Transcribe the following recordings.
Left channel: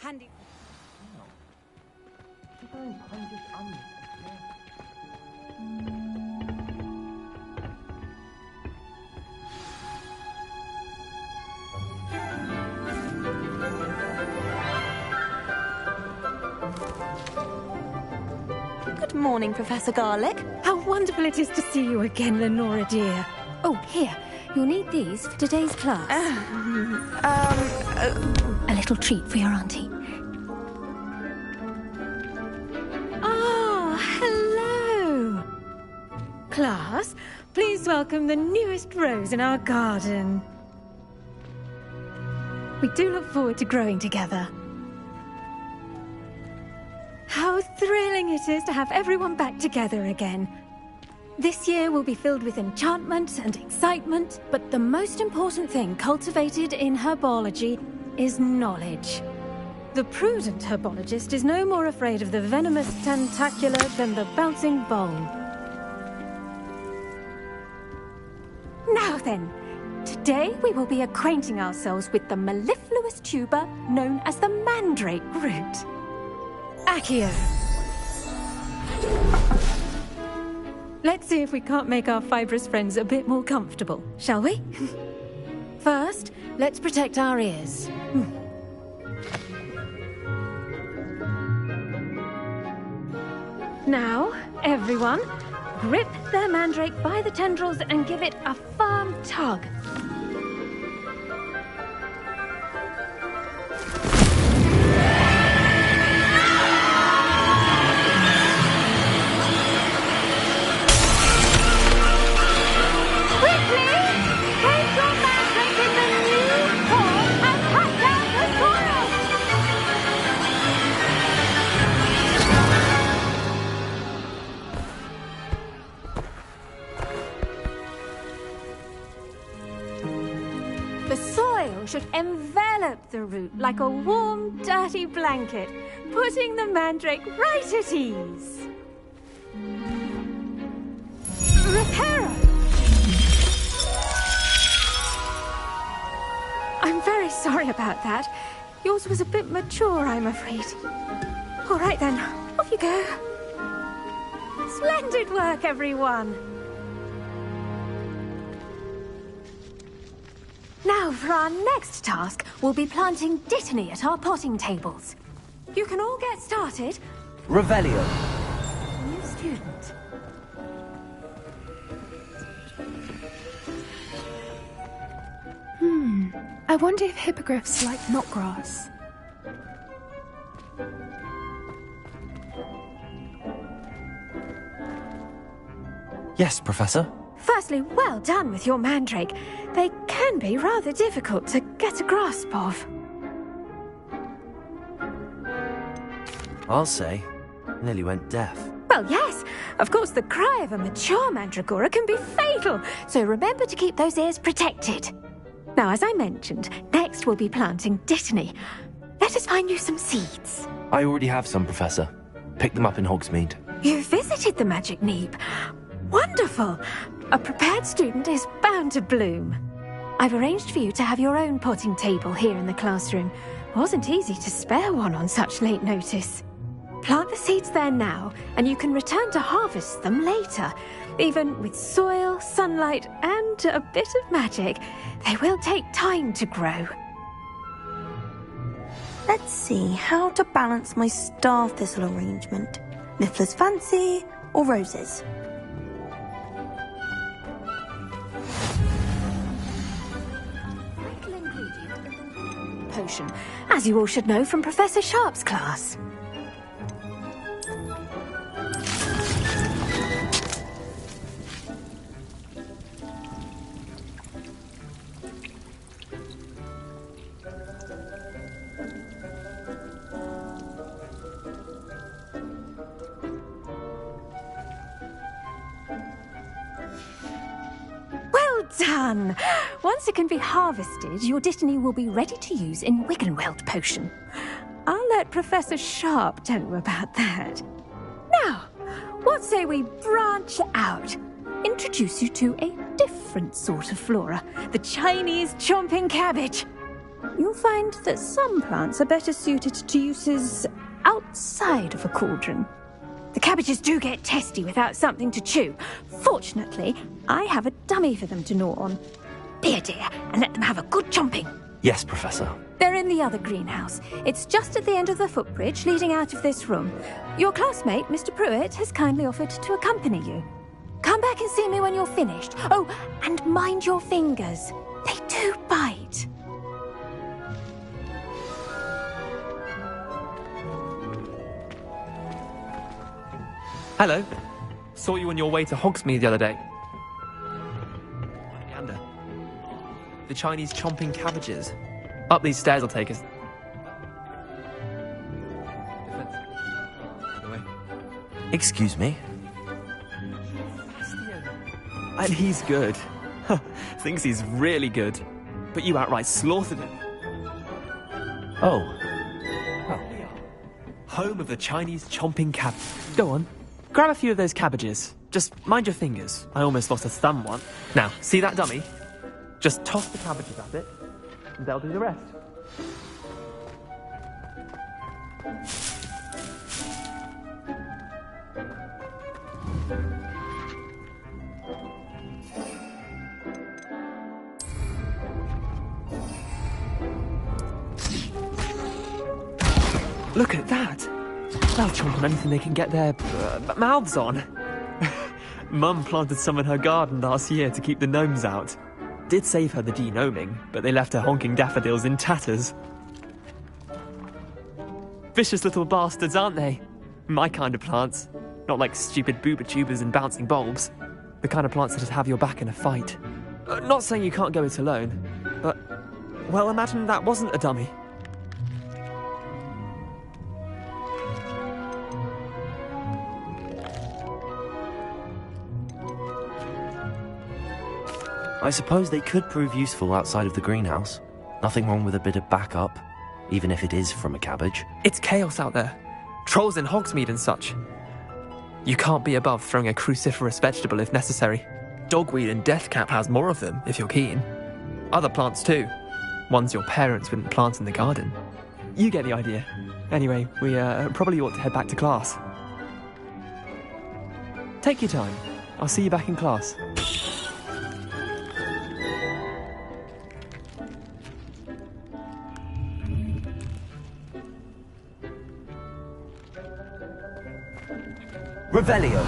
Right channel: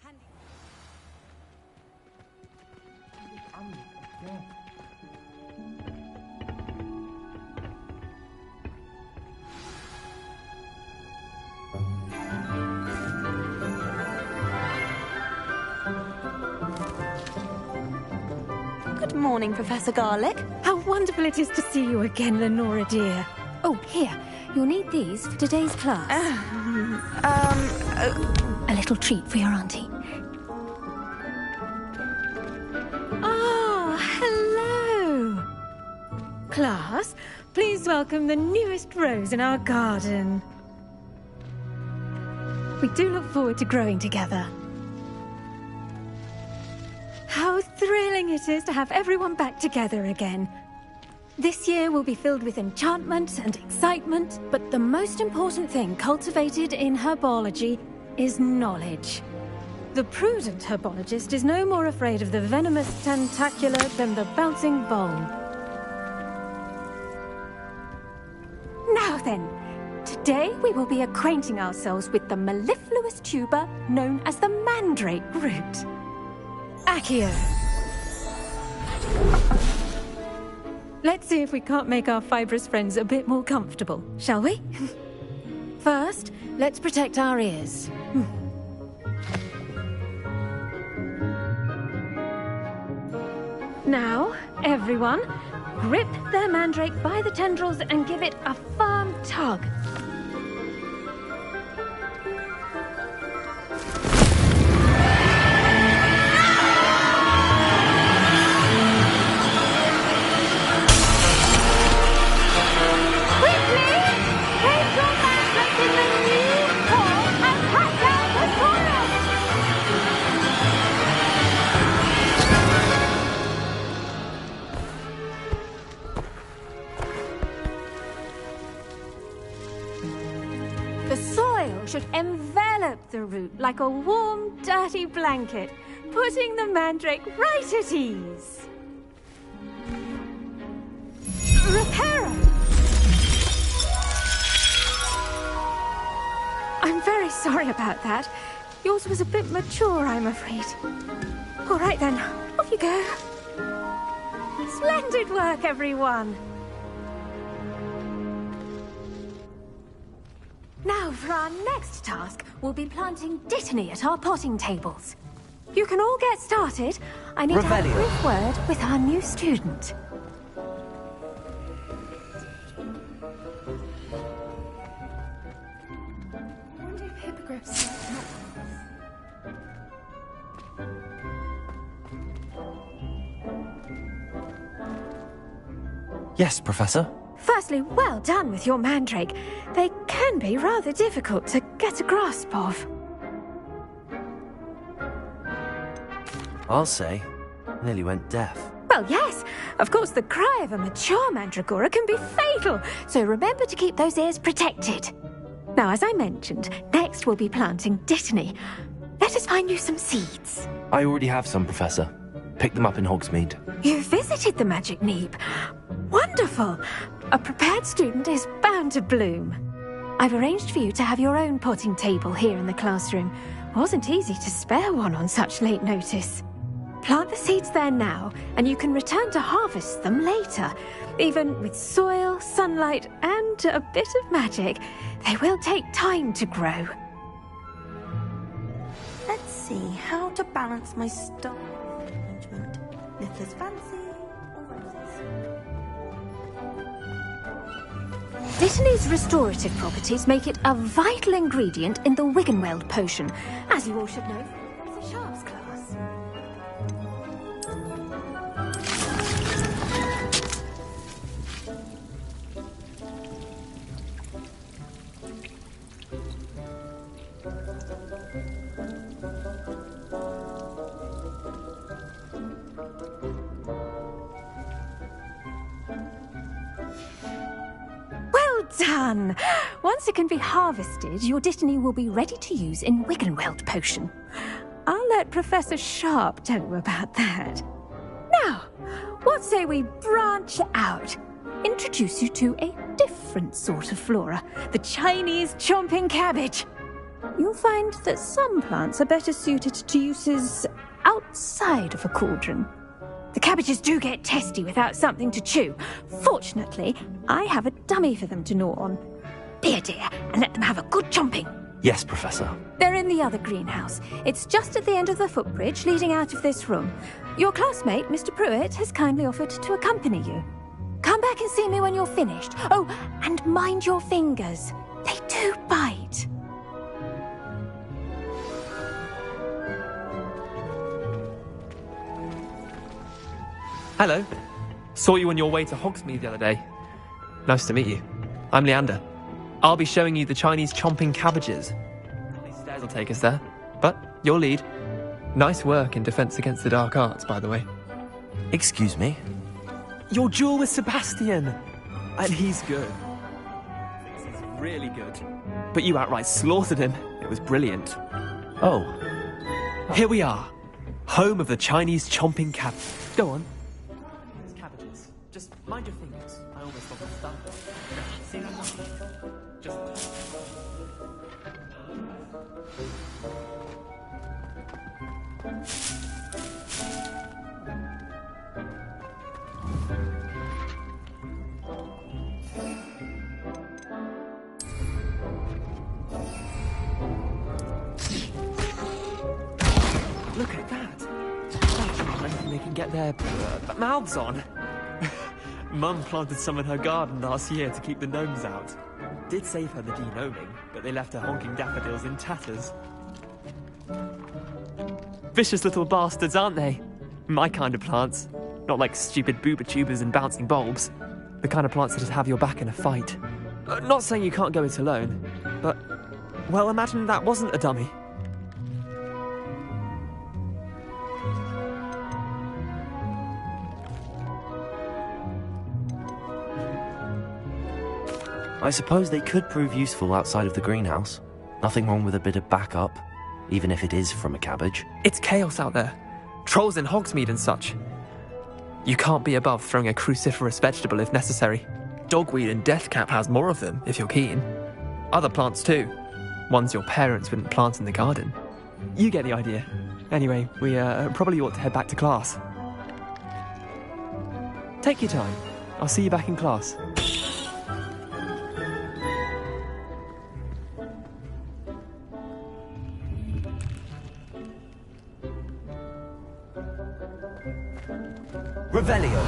Handy. Good morning, Professor Garlick. How wonderful it is to see you again, Lenora dear. Oh, here. You'll need these for today's class. A little treat for your auntie. Ah, hello. Class, please welcome the newest rose in our garden. We do look forward to growing together. How thrilling it is to have everyone back together again. This year will be filled with enchantment and excitement, but the most important thing cultivated in herbology is knowledge. The prudent herbologist is no more afraid of the venomous tentacula than the bouncing bowl. Now then, today we will be acquainting ourselves with the mellifluous tuber known as the mandrake root. Accio. Let's see if we can't make our fibrous friends a bit more comfortable, shall we? First, let's protect our ears. Now, everyone, grip their mandrake by the tendrils and give it a firm tug. The soil should envelop the root like a warm, dirty blanket, putting the mandrake right at ease. Reparo! I'm very sorry about that. Yours was a bit mature, I'm afraid. All right then, off you go. Splendid work, everyone! Now, for our next task, we'll be planting Dittany at our potting tables. You can all get started. I need Revelio. a quick word with our new student. I wonder if hippogriffs like knotgrass. Yes, Professor. First Seriously, well done with your mandrake. They can be rather difficult to get a grasp of. I'll say, nearly went deaf. Well, yes. Of course, the cry of a mature mandragora can be fatal, so remember to keep those ears protected. Now, as I mentioned, next we'll be planting dittany. Let us find you some seeds. I already have some, Professor. Picked them up in Hogsmeade. You visited the Magic Neep. Wonderful. A prepared student is bound to bloom. I've arranged for you to have your own potting table here in the classroom. Wasn't easy to spare one on such late notice. Plant the seeds there now, and you can return to harvest them later. Even with soil, sunlight, and a bit of magic, they will take time to grow. Let's see how to balance my star thistle arrangement. Niffler's fancy or roses? Dittany's restorative properties make it a vital ingredient in the Wiggenweld potion, as you all should know from Professor Sharp's class. Done! Once it can be harvested, your dittany will be ready to use in Wiggenweld potion. I'll let Professor Sharp tell you about that. Now, what say we branch out? Introduce you to a different sort of flora, the Chinese chomping cabbage. You'll find that some plants are better suited to uses outside of a cauldron. The cabbages do get testy without something to chew. Fortunately, I have a dummy for them to gnaw on. Be a dear and let them have a good chomping. Yes, Professor. They're in the other greenhouse. It's just at the end of the footbridge leading out of this room. Your classmate, Mr. Pruitt, has kindly offered to accompany you. Come back and see me when you're finished. Oh, and mind your fingers. They do bite. Hello. Saw you on your way to Hogsmeade the other day. Nice to meet you. I'm Leander. I'll be showing you the Chinese chomping cabbages. Up these stairs will take us there. But your lead. Nice work in Defense Against the Dark Arts, by the way. Excuse me? Your duel with Sebastian. And he's good. Thinks he's really good. But you outright slaughtered him. It was brilliant. Oh. Here we are. Home of the Chinese chomping cab. Go on. Grab a few of those cabbages. Just mind your fingers. I almost lost a thumb once. Now, see that dummy? Just toss the cabbages at it, and they'll do the rest. Look at that! They'll chomp on anything they can get their mouths on. Mum planted some in her garden last year to keep the gnomes out. Did save her the de-gnoming, but they left her honking daffodils in tatters. Vicious little bastards, aren't they? My kind of plants. Not like stupid booba tubers and bouncing bulbs. The kind of plants that just have your back in a fight. Not saying you can't go it alone, but, well, imagine that wasn't a dummy. I suppose they could prove useful outside of the greenhouse. Nothing wrong with a bit of backup, even if it is from a cabbage. It's chaos out there. Trolls in Hogsmeade and such. You can't be above throwing a cruciferous vegetable if necessary. Dogweed and deathcap has more of them, if you're keen. Other plants too. Ones your parents wouldn't plant in the garden. You get the idea. Anyway, we probably ought to head back to class. Take your time. I'll see you back in class. Revelio!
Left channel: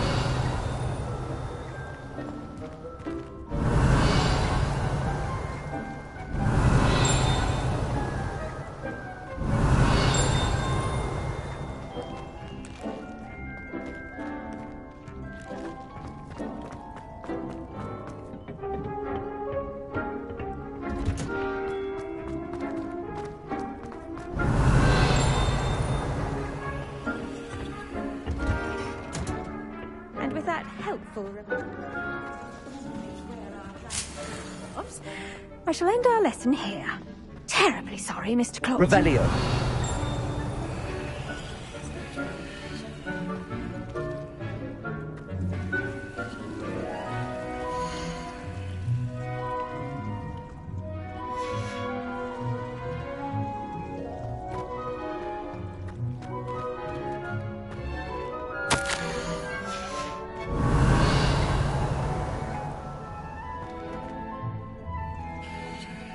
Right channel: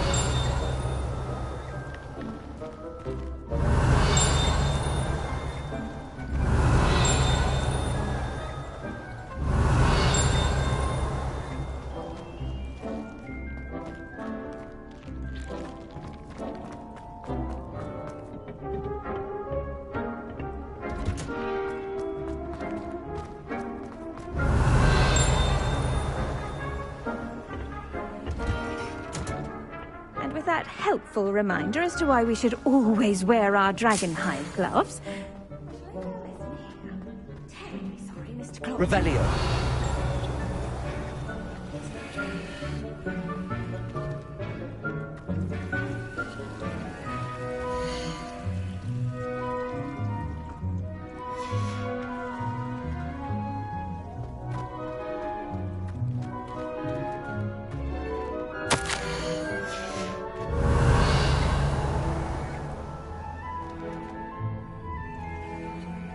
helpful reminder as to why we should always wear our dragonhide gloves, I shall end our lesson here. Terribly sorry, Mr. Claw. Revelio.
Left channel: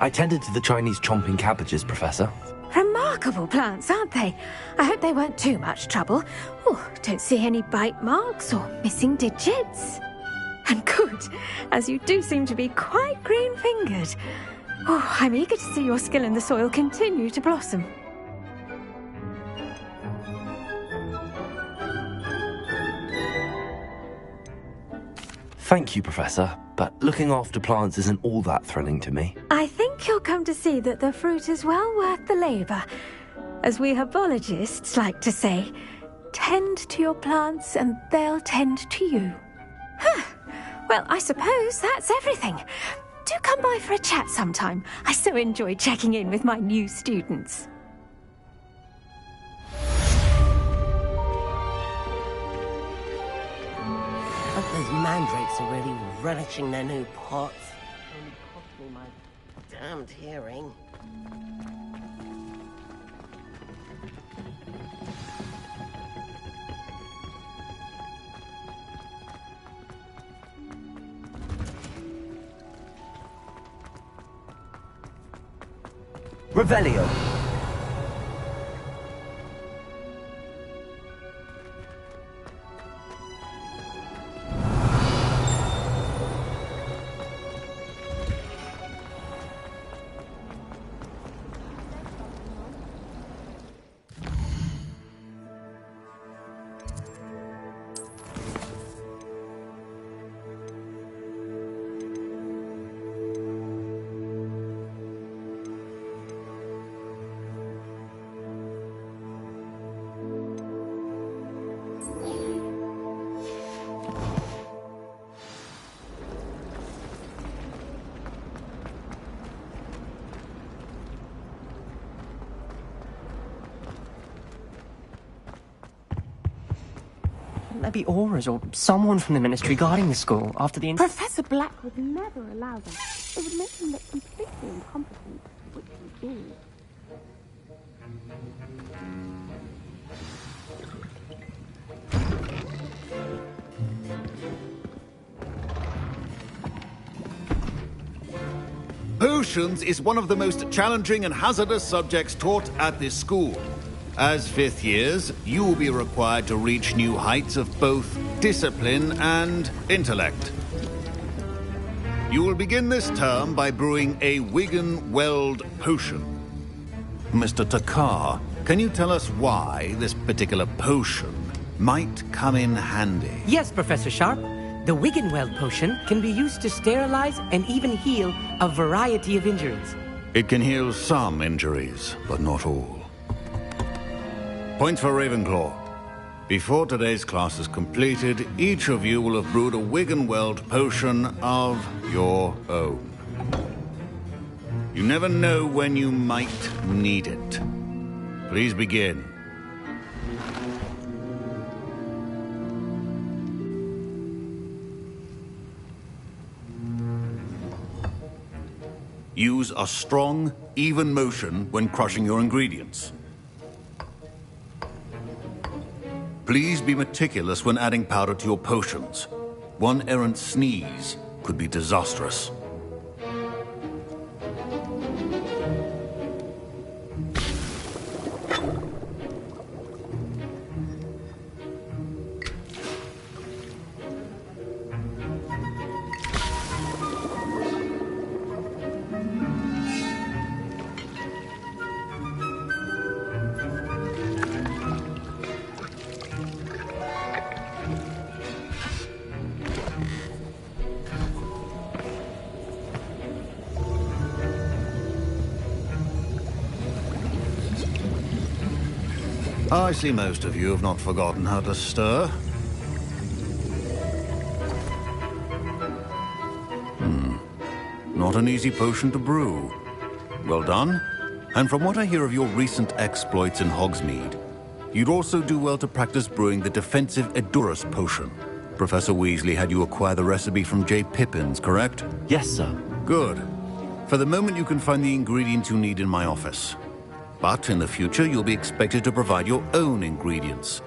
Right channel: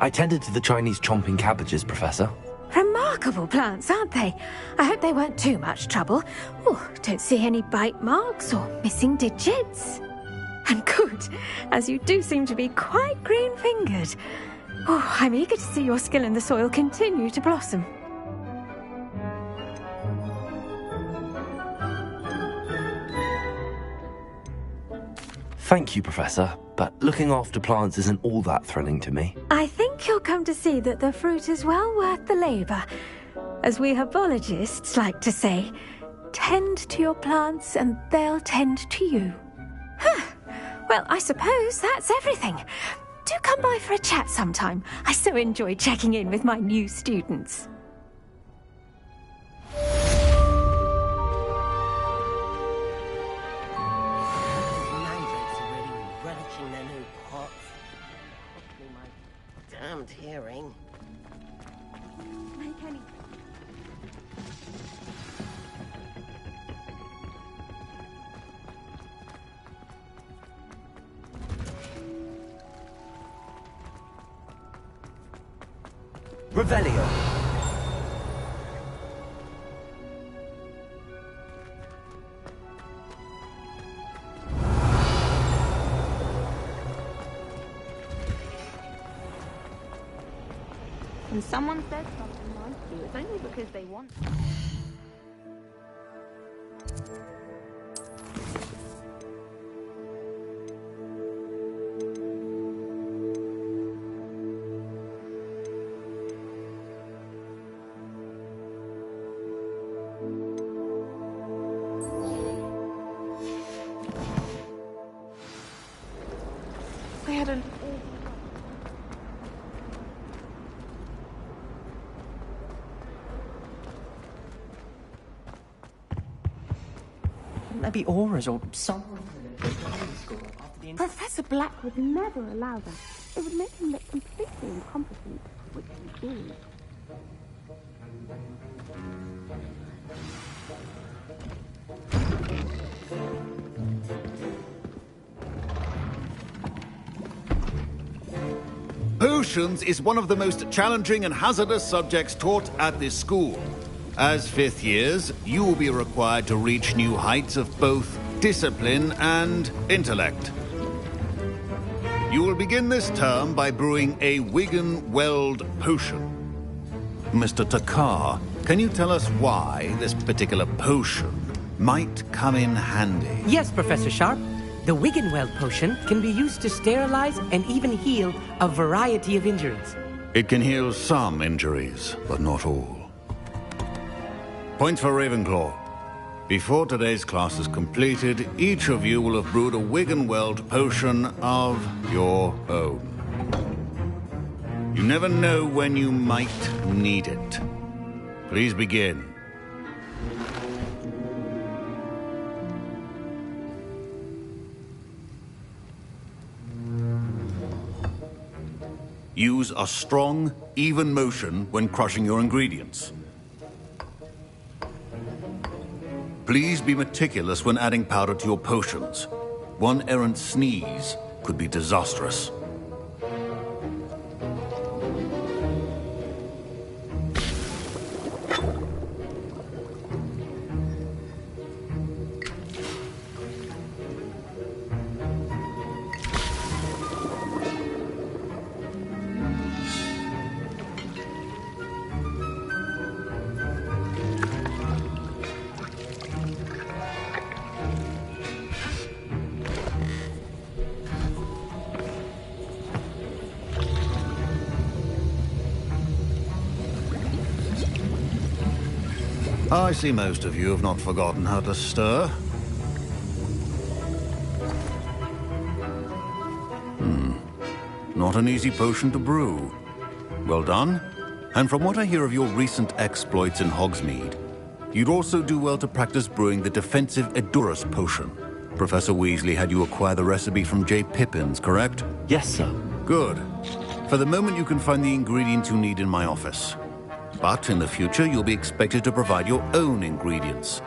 I tended to the Chinese chomping cabbages, Professor. Remarkable plants, aren't they? I hope they weren't too much trouble. Oh, don't see any bite marks or missing digits. And good, as you do seem to be quite green-fingered. Oh, I'm eager to see your skill in the soil continue to blossom. Thank you, Professor, but looking after plants isn't all that thrilling to me. I think you'll come to see that the fruit is well worth the labour. As we herbologists like to say, tend to your plants and they'll tend to you. Well, I suppose that's everything. Do come by for a chat sometime. I so enjoy checking in with my new students. Mandrakes are really relishing their new pots. Cost me my damned hearing. Revelio. When someone says something nice, it's only because they want to. Maybe Aura's or someone from the Ministry guarding the school after the... Professor Black would never allow that. It would make him look completely incompetent, which he is. Potions is one of the most challenging and hazardous subjects taught at this school. As fifth years, you will be required to reach new heights of both discipline and intellect. You will begin this term by brewing a Wigan-Weld potion. Mr. Takar, can you tell us why this particular potion might come in handy? Yes, Professor Sharp. The Wiggenweld potion can be used to sterilize and even heal a variety of injuries. It can heal some injuries, but not all. Points for Ravenclaw. Before today's class is completed, each of you will have brewed a Wiggenweld potion of your own. You never know when you might need it. Please begin. Use a strong, even motion when crushing your ingredients. Please be meticulous when adding powder to your potions. One errant sneeze could be disastrous. I see most of you have not forgotten how to stir. not an easy potion to brew. Well done. And from what I hear of your recent exploits in Hogsmeade, you'd also do well to practice brewing the defensive Edurus potion. Professor Weasley had you acquire the recipe from J. Pippins, correct? Yes, sir. Good. For the moment, you can find the ingredients you need in my office. But in the future, you'll be expected to provide your own ingredients.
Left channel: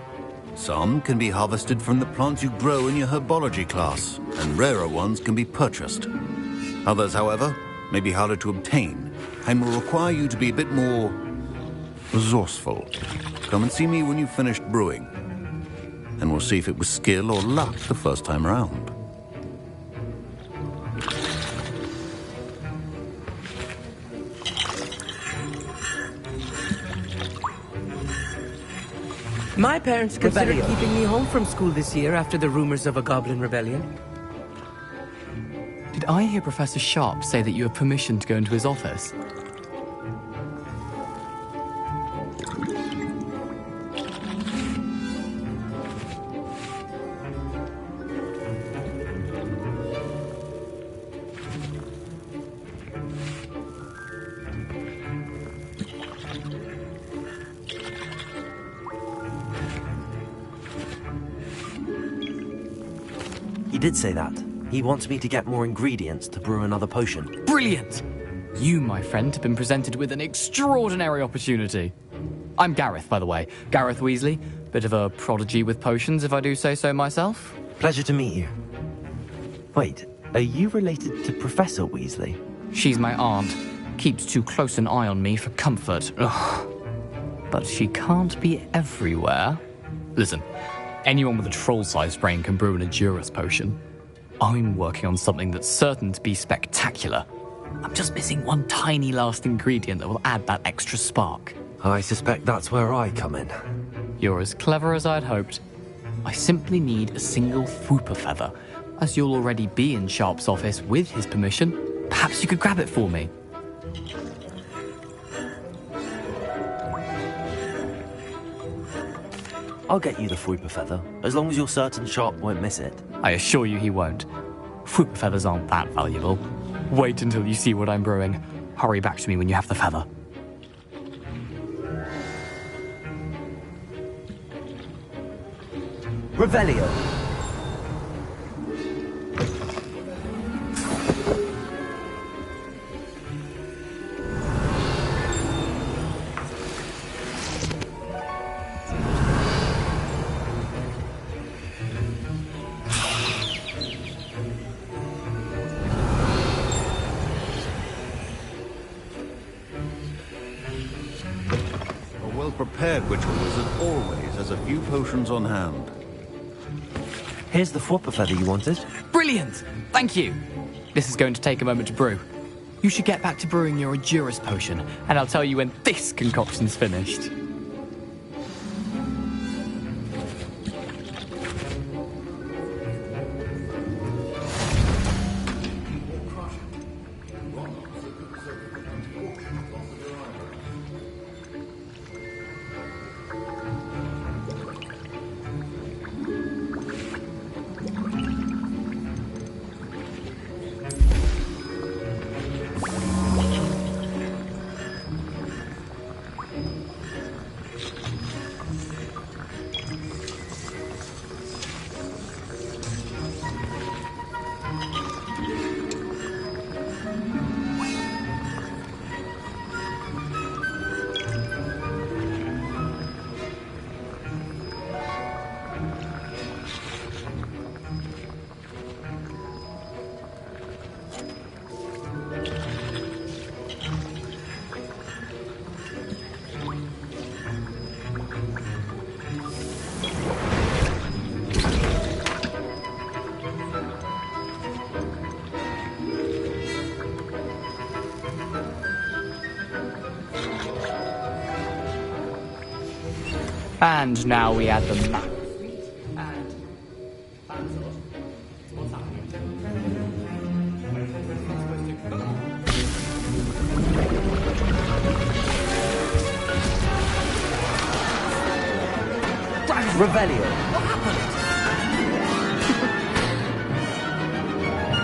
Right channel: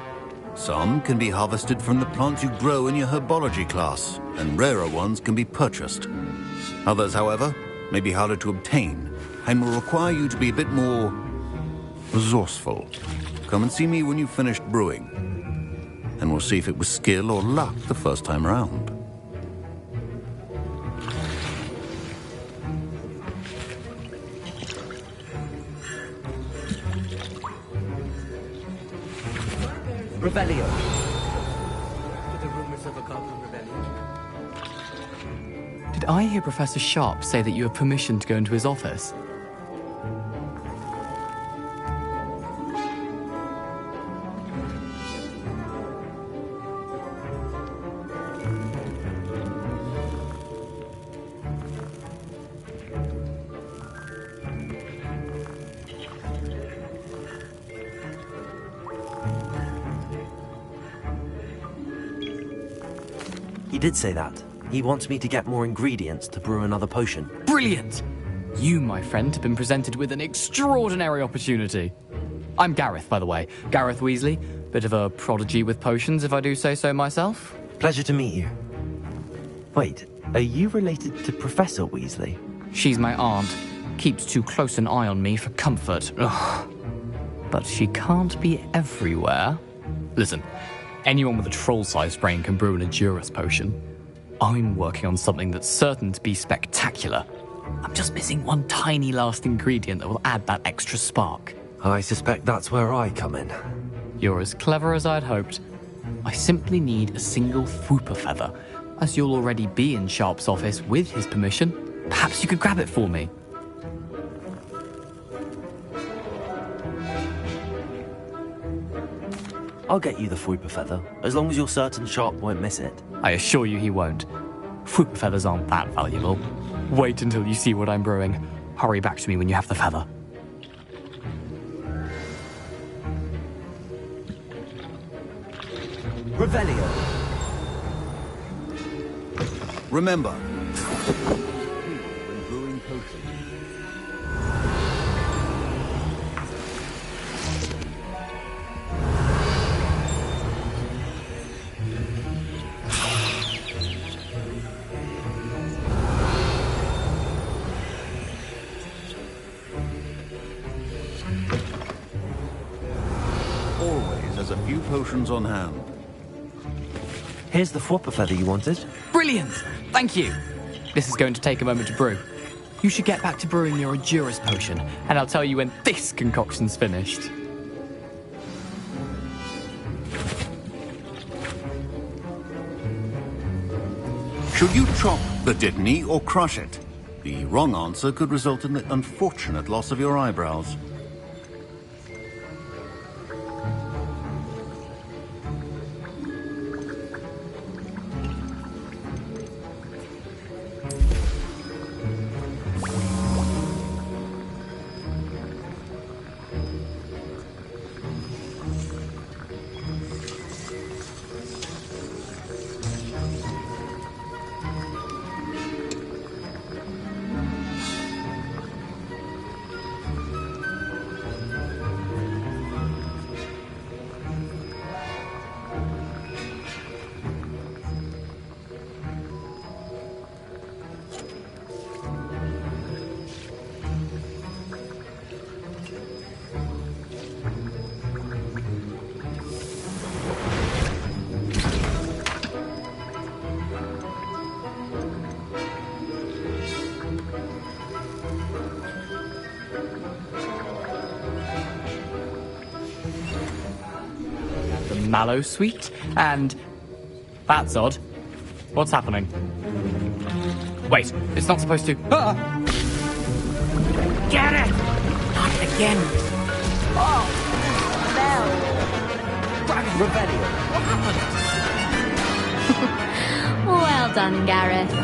Some can be harvested from the plants you grow in your herbology class, and rarer ones can be purchased. Others, however, may be harder to obtain, and will require you to be a bit more resourceful. Come and see me when you've finished brewing, and we'll see if it was skill or luck the first time round. My parents considered keeping me home from school this year after the rumors of a goblin rebellion. Did I hear Professor Sharp say that you have permission to go into his office? He did say that. He wants me to get more ingredients to brew another potion. Brilliant! You, my friend, have been presented with an extraordinary opportunity. I'm Gareth, by the way. Gareth Weasley. Bit of a prodigy with potions, if I do say so myself. Pleasure to meet you. Wait, are you related to Professor Weasley? She's my aunt. Keeps too close an eye on me for comfort. Ugh. But she can't be everywhere. Listen, anyone with a troll-sized brain can brew an Edurus potion. I'm working on something that's certain to be spectacular. I'm just missing one tiny last ingredient that will add that extra spark. I suspect that's where I come in. You're as clever as I'd hoped. I simply need a single Fwooper feather. As you'll already be in Sharp's office with his permission, perhaps you could grab it for me. I'll get you the Fwooper feather, as long as you're certain Sharp won't miss it. I assure you he won't. Fwooper feathers aren't that valuable. Wait until you see what I'm brewing. Hurry back to me when you have the feather. Revelio. Remember, prepared witch always has a few potions on hand. Here's the Fwooper feather you wanted. Brilliant! Thank you! This is going to take a moment to brew. You should get back to brewing your Edurus potion, and I'll tell you when this concoction's finished. Should you chop the Dittany or crush it? The wrong answer could result in the unfortunate loss of your eyebrows. And now we add the mallow sweet, and... That's odd. What's happening? Wait, it's not supposed to... Ah! Get it! Again. Dragon! Revelio. What happened? Well done, Gareth.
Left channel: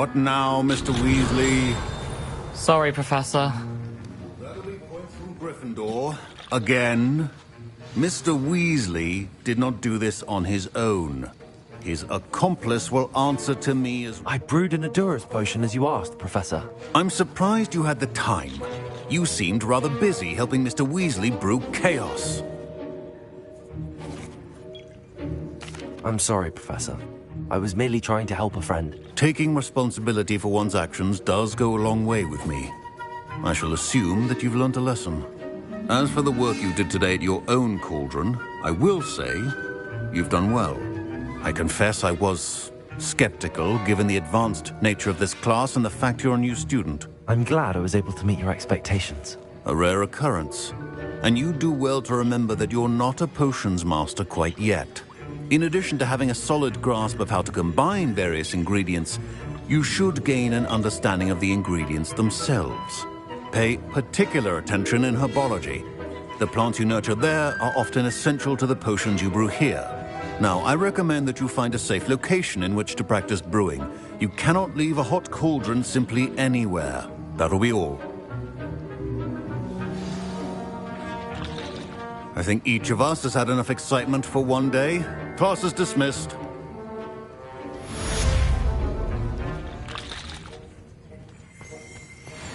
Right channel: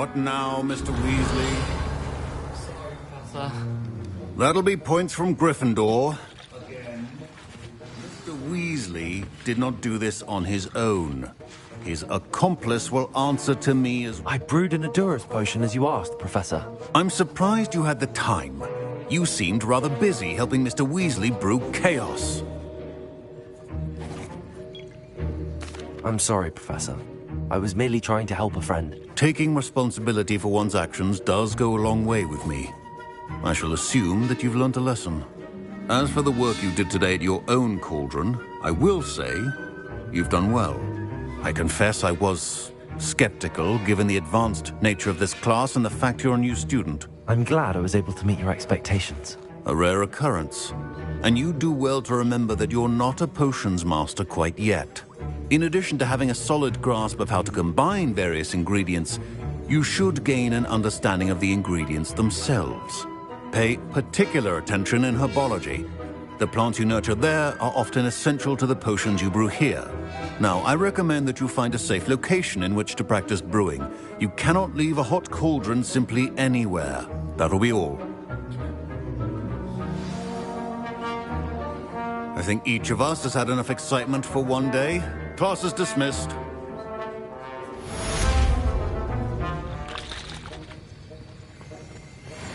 What now, Mr. Weasley? Sorry, Professor. That'll be points from Gryffindor. Again. Mr. Weasley did not do this on his own. His accomplice will answer to me as... I brewed an Adurus potion as you asked, Professor. I'm surprised you had the time. You seemed rather busy helping Mr. Weasley brew chaos. I'm sorry, Professor. I was merely trying to help a friend. Taking responsibility for one's actions does go a long way with me. I shall assume that you've learnt a lesson. As for the work you did today at your own cauldron, I will say you've done well. I confess I was skeptical, given the advanced nature of this class and the fact you're a new student. I'm glad I was able to meet your expectations. A rare occurrence. And you do well to remember that you're not a potions master quite yet. In addition to having a solid grasp of how to combine various ingredients, you should gain an understanding of the ingredients themselves. Pay particular attention in herbology. The plants you nurture there are often essential to the potions you brew here. Now, I recommend that you find a safe location in which to practice brewing. You cannot leave a hot cauldron simply anywhere. That'll be all. I think each of us has had enough excitement for one day. Class is dismissed.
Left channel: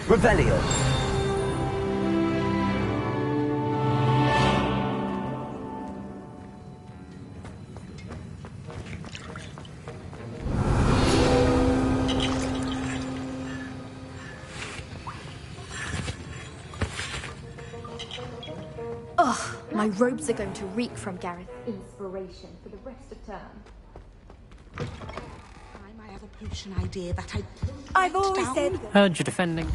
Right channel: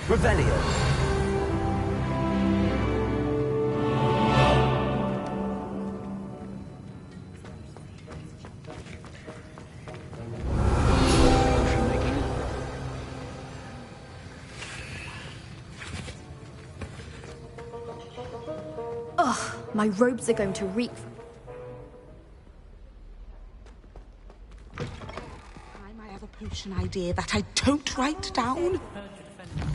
Revelio. Ugh, my robes are going to reek from Gareth's inspiration for the rest of term. I have a potion idea that I don't write down. Heard you defending.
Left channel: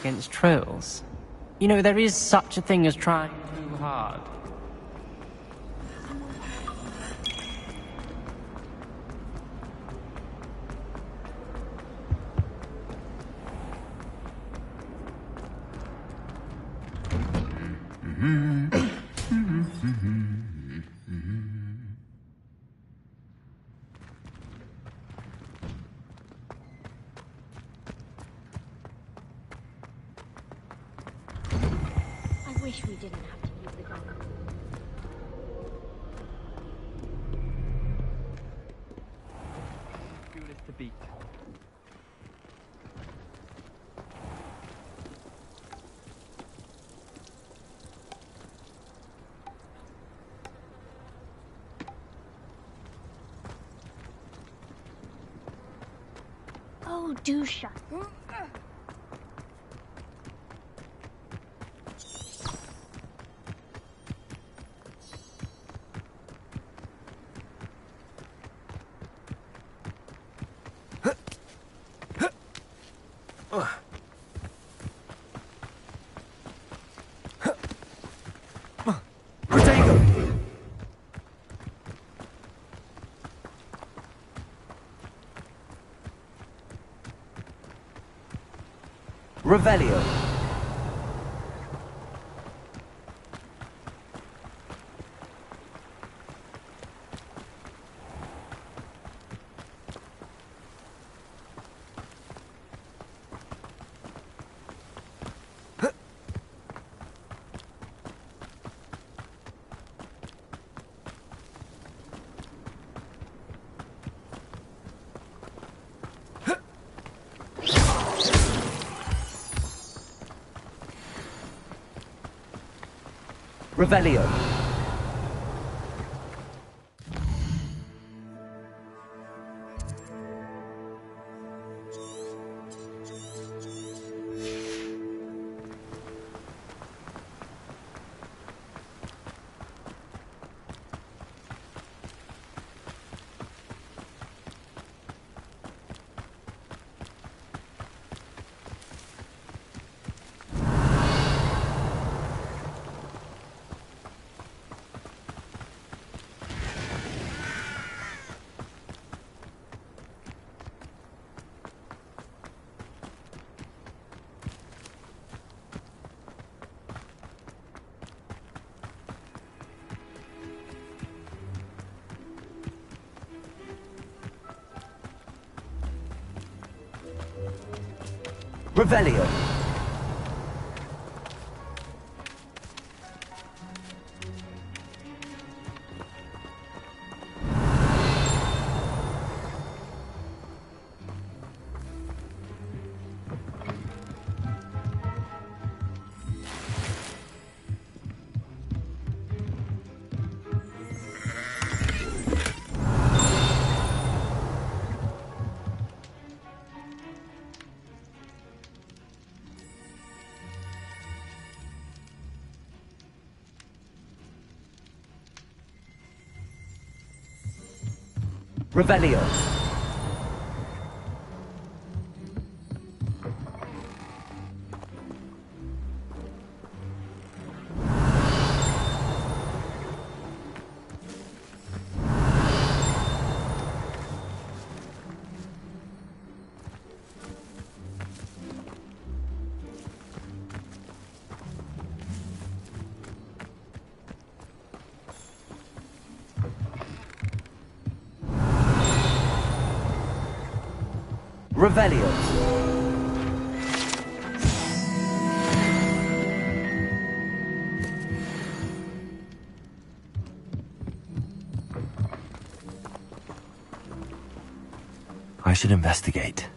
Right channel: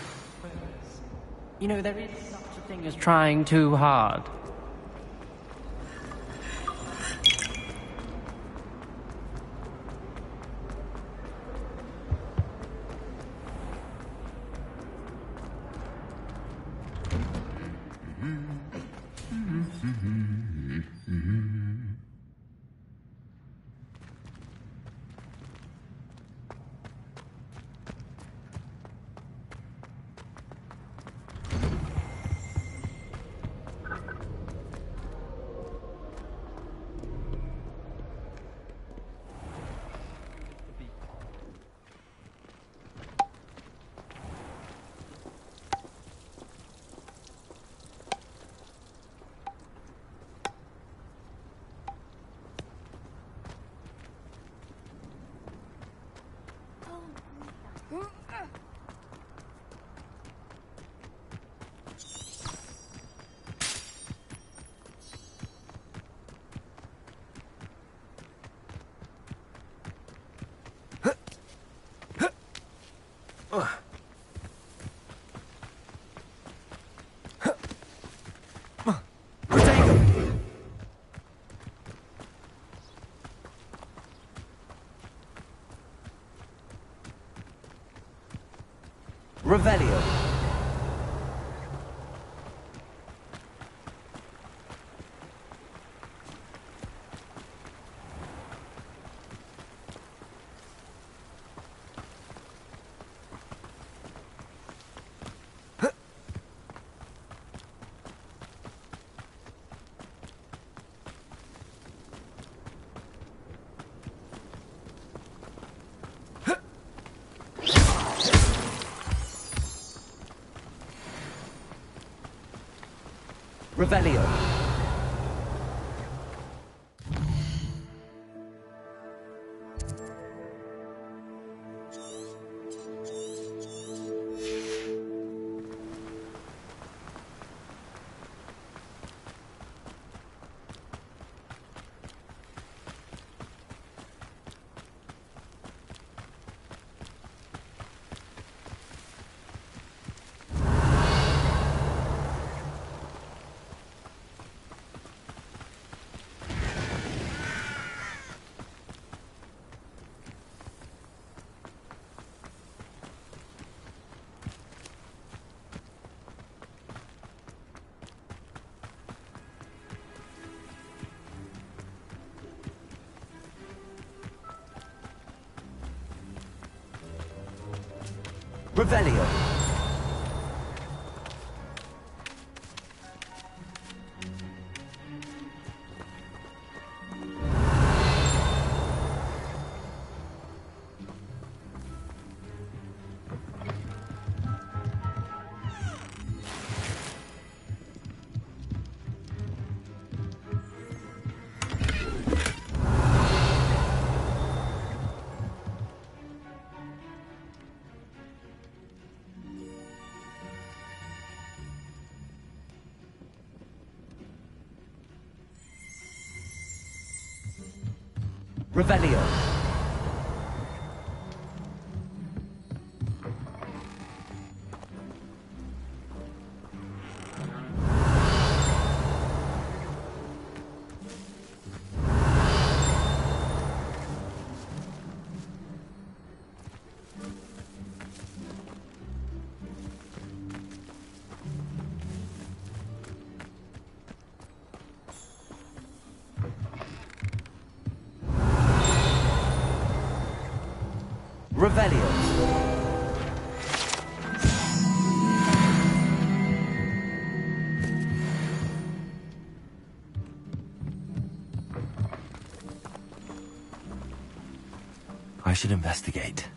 Against trolls. You know, there is such a thing as trying too hard. do shut. Revelio. Revelio. Revelio. Revelio. Revelio. I should investigate.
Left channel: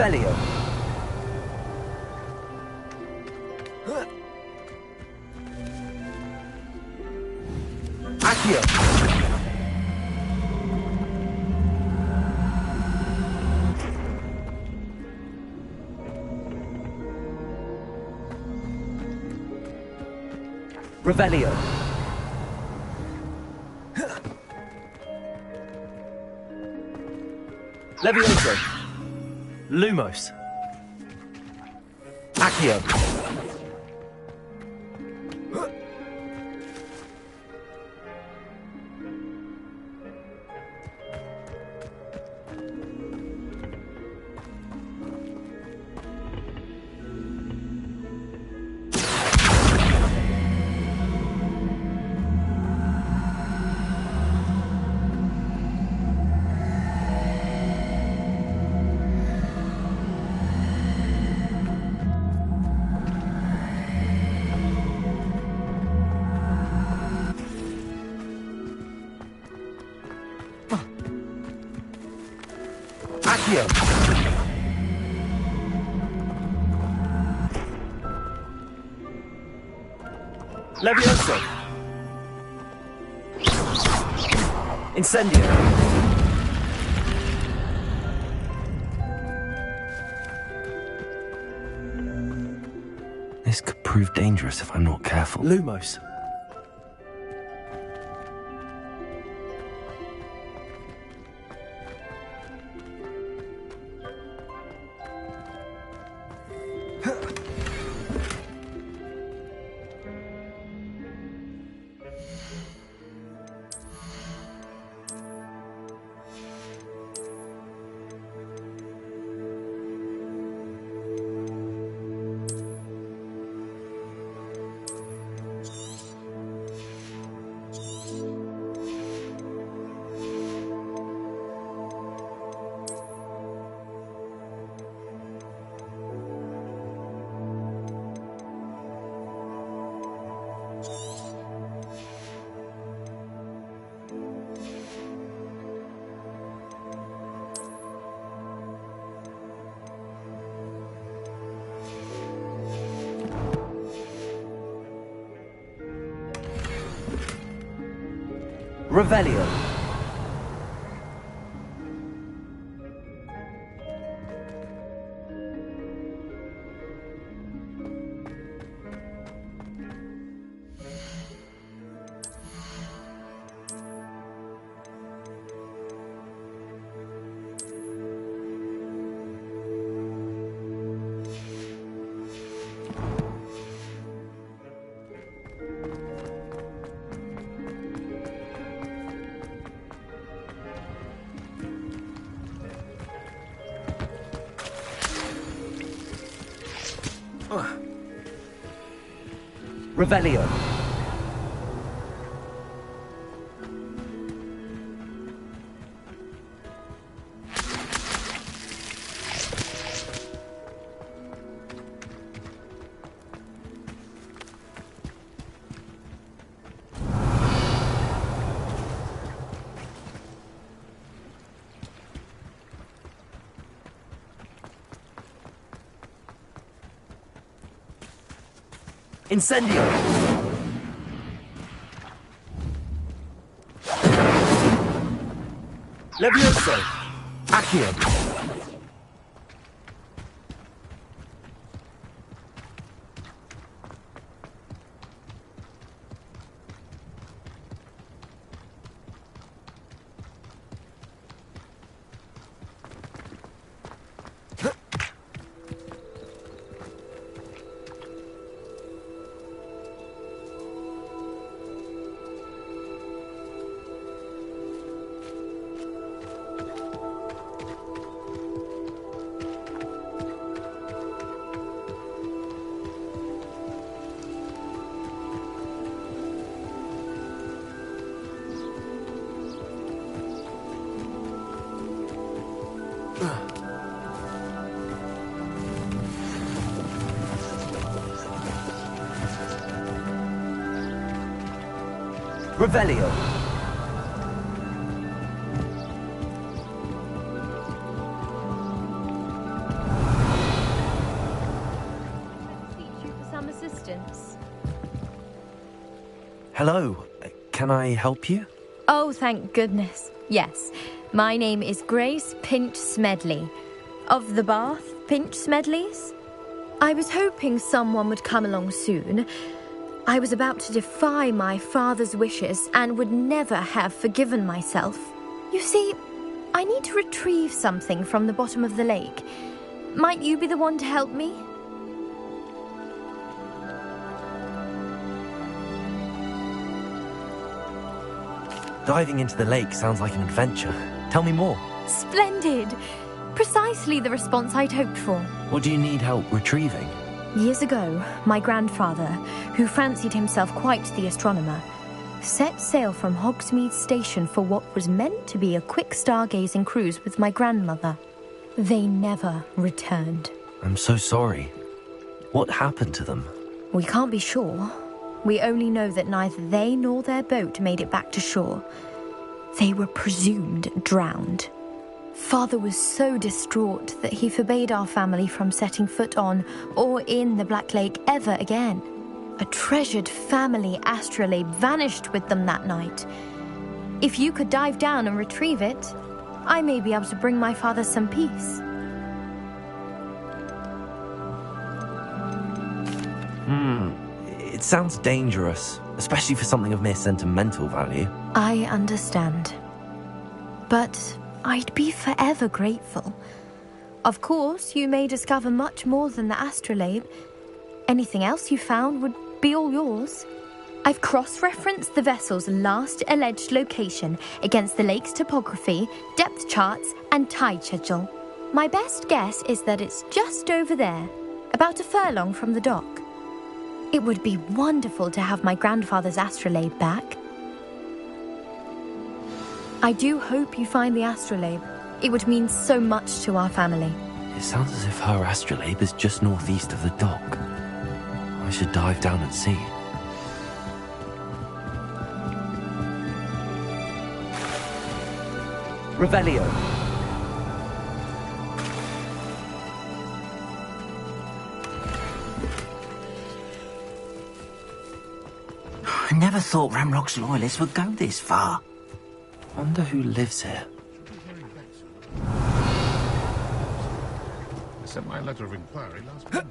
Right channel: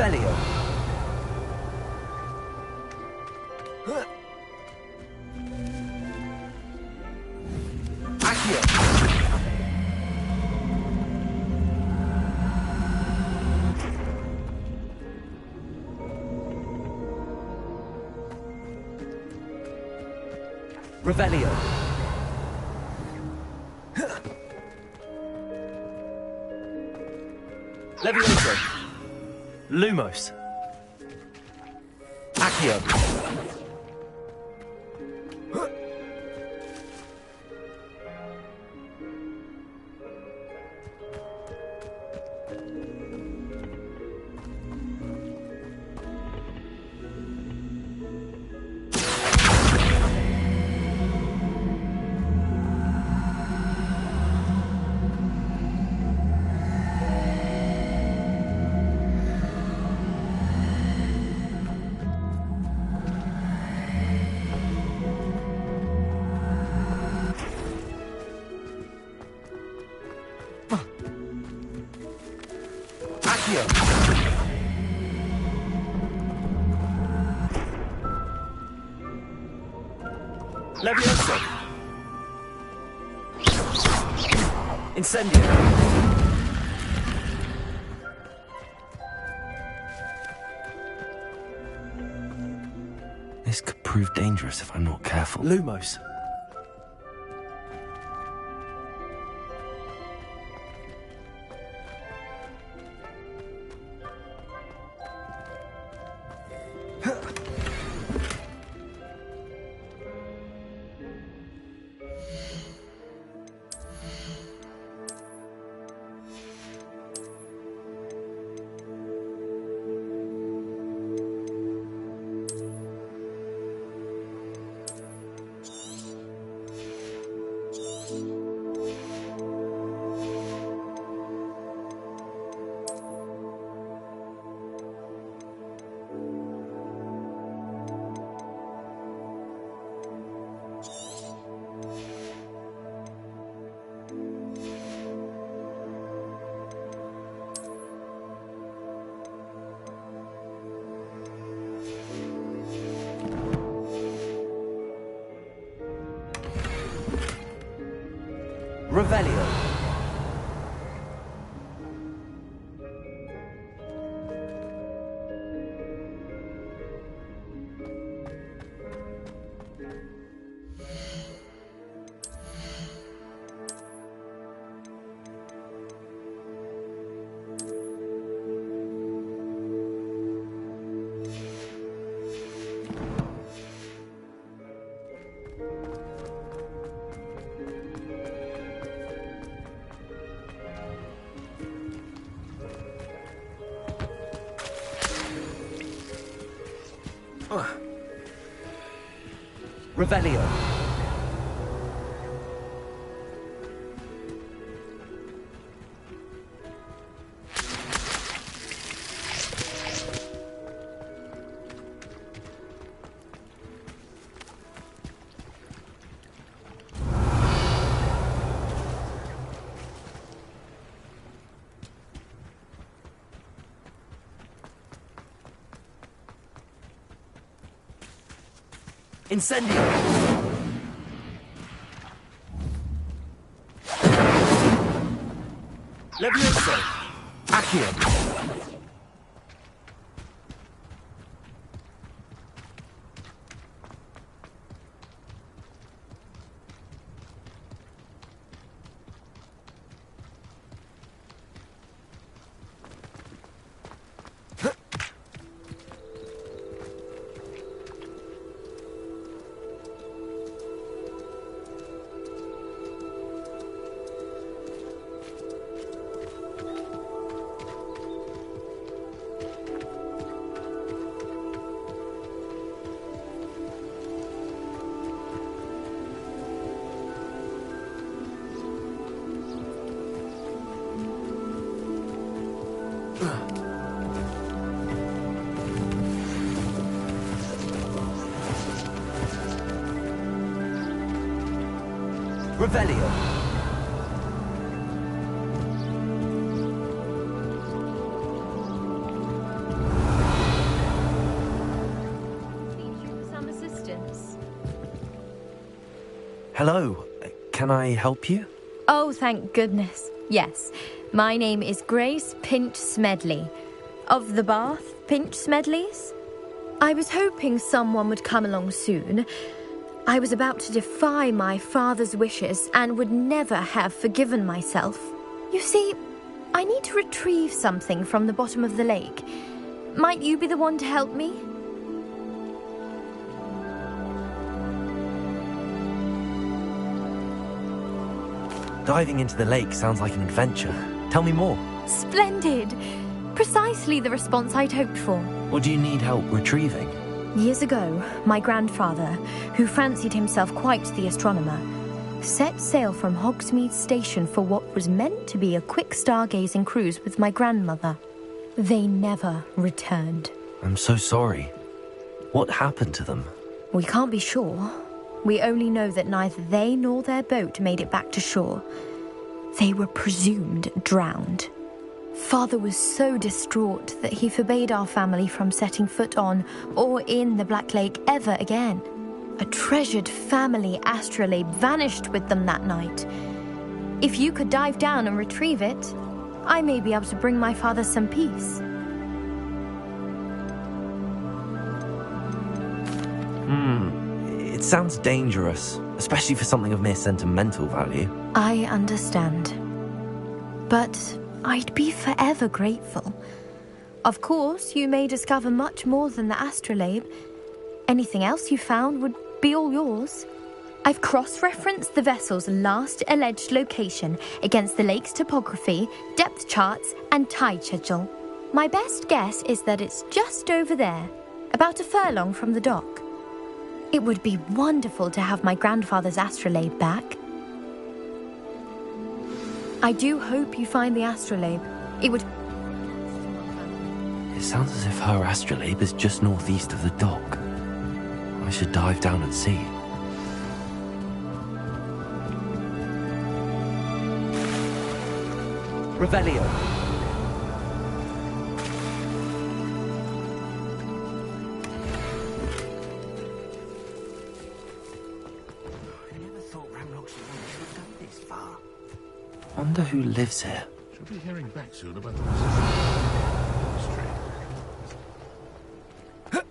Revelio. Accio. Revelio. Levioso. Lumos. Accio. Accio. Levioso. Incendio. This could prove dangerous if I'm not careful. Lumos. Revelio. Revelio. Incendio. Levioso. Accio. Revelio. Hello. Can I help you? Oh, thank goodness. Yes. My name is Grace Pinch Smedley. Of the Bath Pinch Smedleys? I was hoping someone would come along soon. I was about to defy my father's wishes and would never have forgiven myself. You see, I need to retrieve something from the bottom of the lake. Might you be the one to help me? Diving into the lake sounds like an adventure. Tell me more. Splendid! Precisely the response I'd hoped for. What do you need help retrieving? Years ago, my grandfather, who fancied himself quite the astronomer, set sail from Hogsmeade Station for what was meant to be a quick stargazing cruise with my grandmother. They never returned. I'm so sorry. What happened to them? We can't be sure. We only know that neither they nor their boat made it back to shore. They were presumed drowned. Father was so distraught that he forbade our family from setting foot on or in the Black Lake ever again. A treasured family astrolabe vanished with them that night. If you could dive down and retrieve it, I may be able to bring my father some peace. It sounds dangerous, especially for something of mere sentimental value. I understand. But I'd be forever grateful. Of course, you may discover much more than the astrolabe. Anything else you found would be all yours. I've cross-referenced the vessel's last alleged location against the lake's topography, depth charts, and tide schedule. My best guess is that it's just over there, about a furlong from the dock. It would be wonderful to have my grandfather's astrolabe back. I do hope you find the astrolabe. It would mean so much to our family. It sounds as if her astrolabe is just northeast of the dock. I should dive down and see. Revelio. I never thought Ramrock's loyalists would go this far. Wonder who lives here. Should be hearing back soon about I sent my letter of inquiry last month.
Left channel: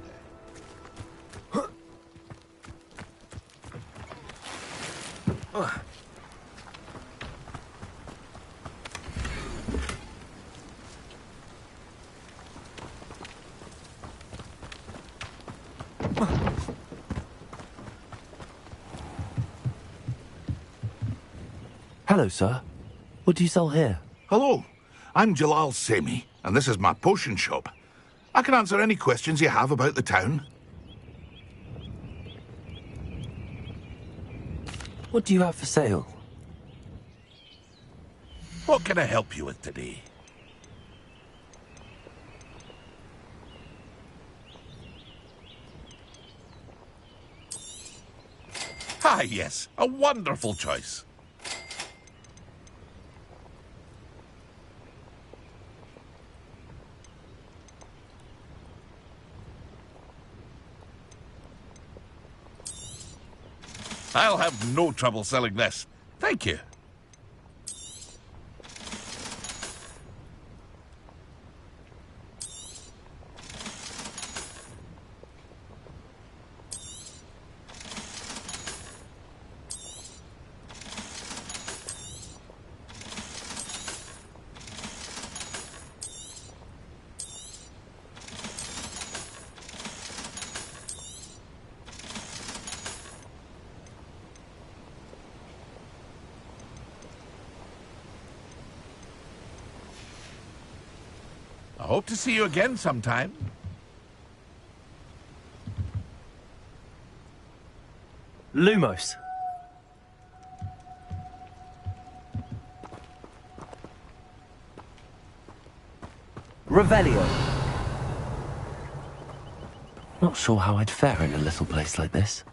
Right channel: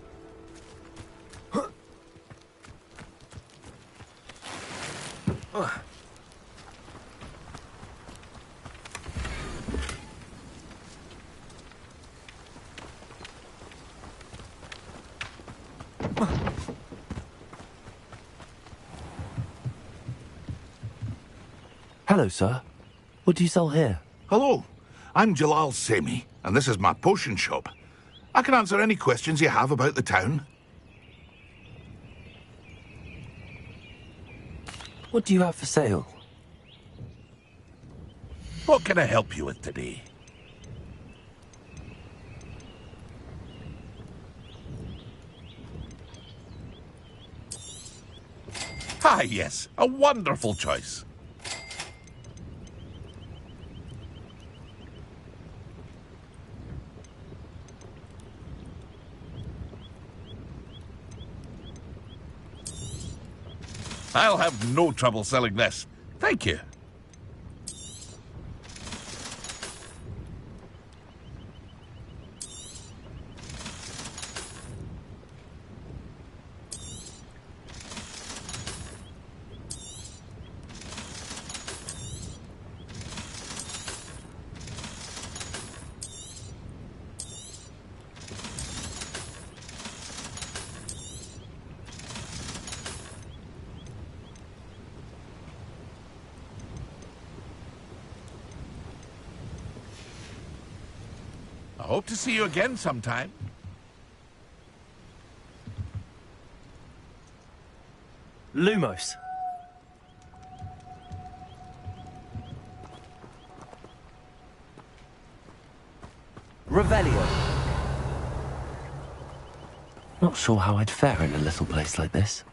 Hello, sir. What do you sell here? Hello, I'm Jalal Semi, and this is my potion shop. I can answer any questions you have about the town. What do you have for sale? What can I help you with today? Ah, yes, a wonderful choice. I'll have no trouble selling this. Thank you. I hope to see you again sometime. Lumos. Revelio. Not sure how I'd fare in a little place like this.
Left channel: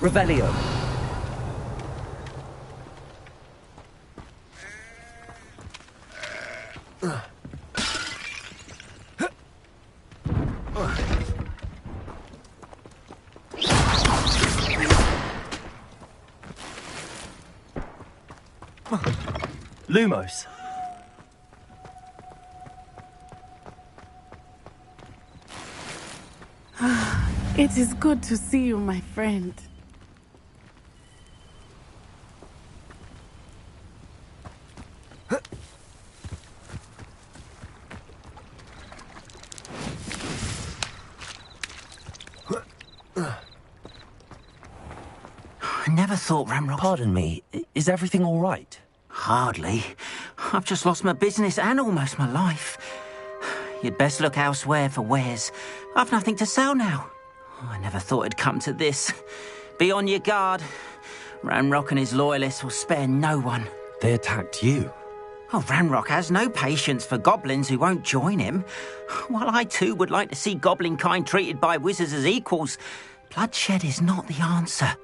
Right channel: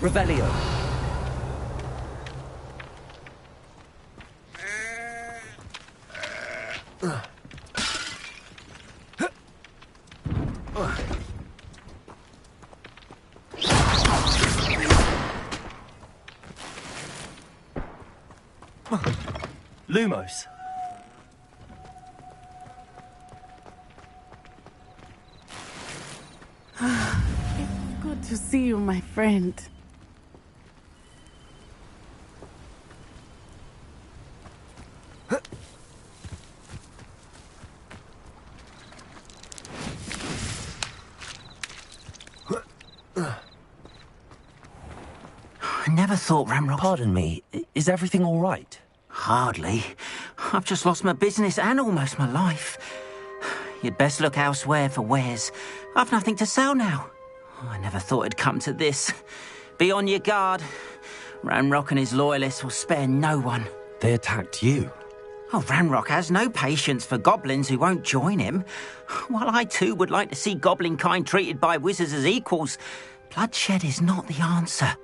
Revelio. Lumos. It is good to see you, my friend. I never thought Ramrock... Pardon me, is everything all right? Hardly. I've just lost my business and almost my life. You'd best look elsewhere for wares. I've nothing to sell now. I never thought it'd come to this. Be on your guard. Ramrock and his loyalists will spare no one. They attacked you? Oh, Ramrock has no patience for goblins who won't join him. While I too would like to see goblin kind treated by wizards as equals, bloodshed is not the answer.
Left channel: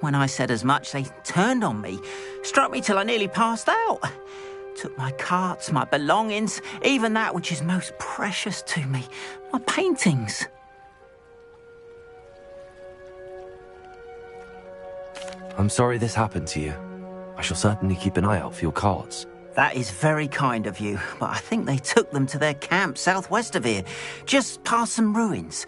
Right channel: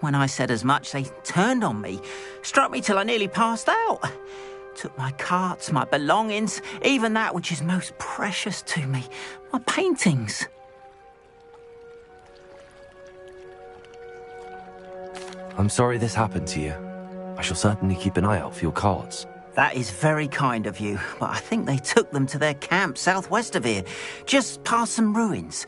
When I said as much, they turned on me, struck me till I nearly passed out. Took my carts, my belongings, even that which is most precious to me, my paintings. I'm sorry this happened to you. I shall certainly keep an eye out for your carts. That is very kind of you, but I think they took them to their camp southwest of here, just past some ruins.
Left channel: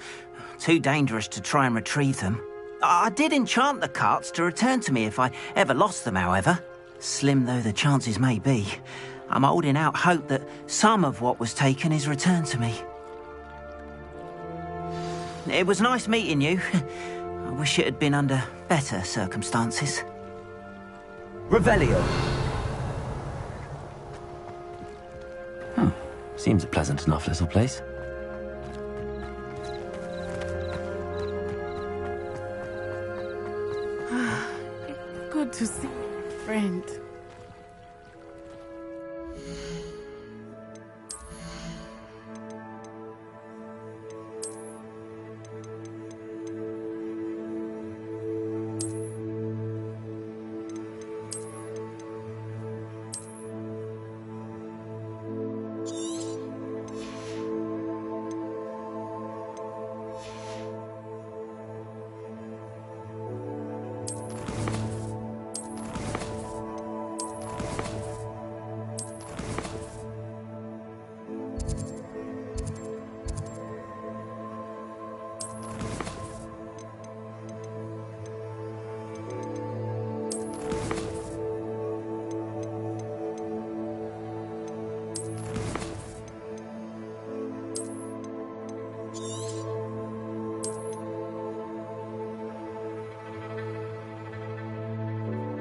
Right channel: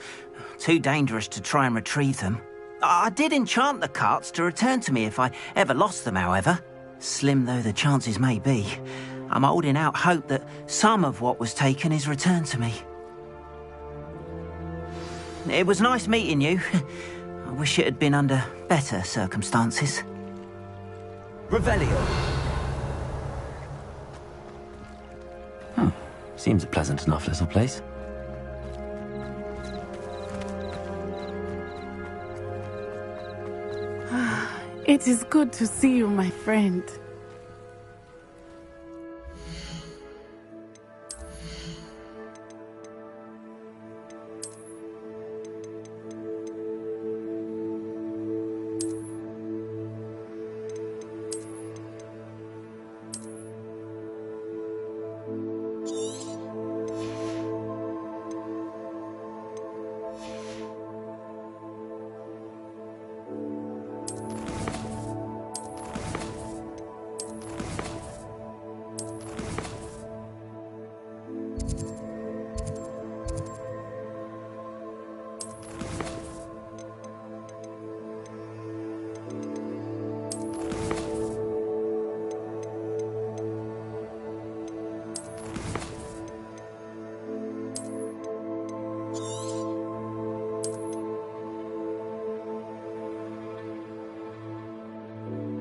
Too dangerous to try and retrieve them. I did enchant the carts to return to me if I ever lost them, however. Slim though the chances may be, I'm holding out hope that some of what was taken is returned to me. It was nice meeting you. I wish it had been under better circumstances. Revelio. Seems a pleasant enough little place. It is good to see you, my friend.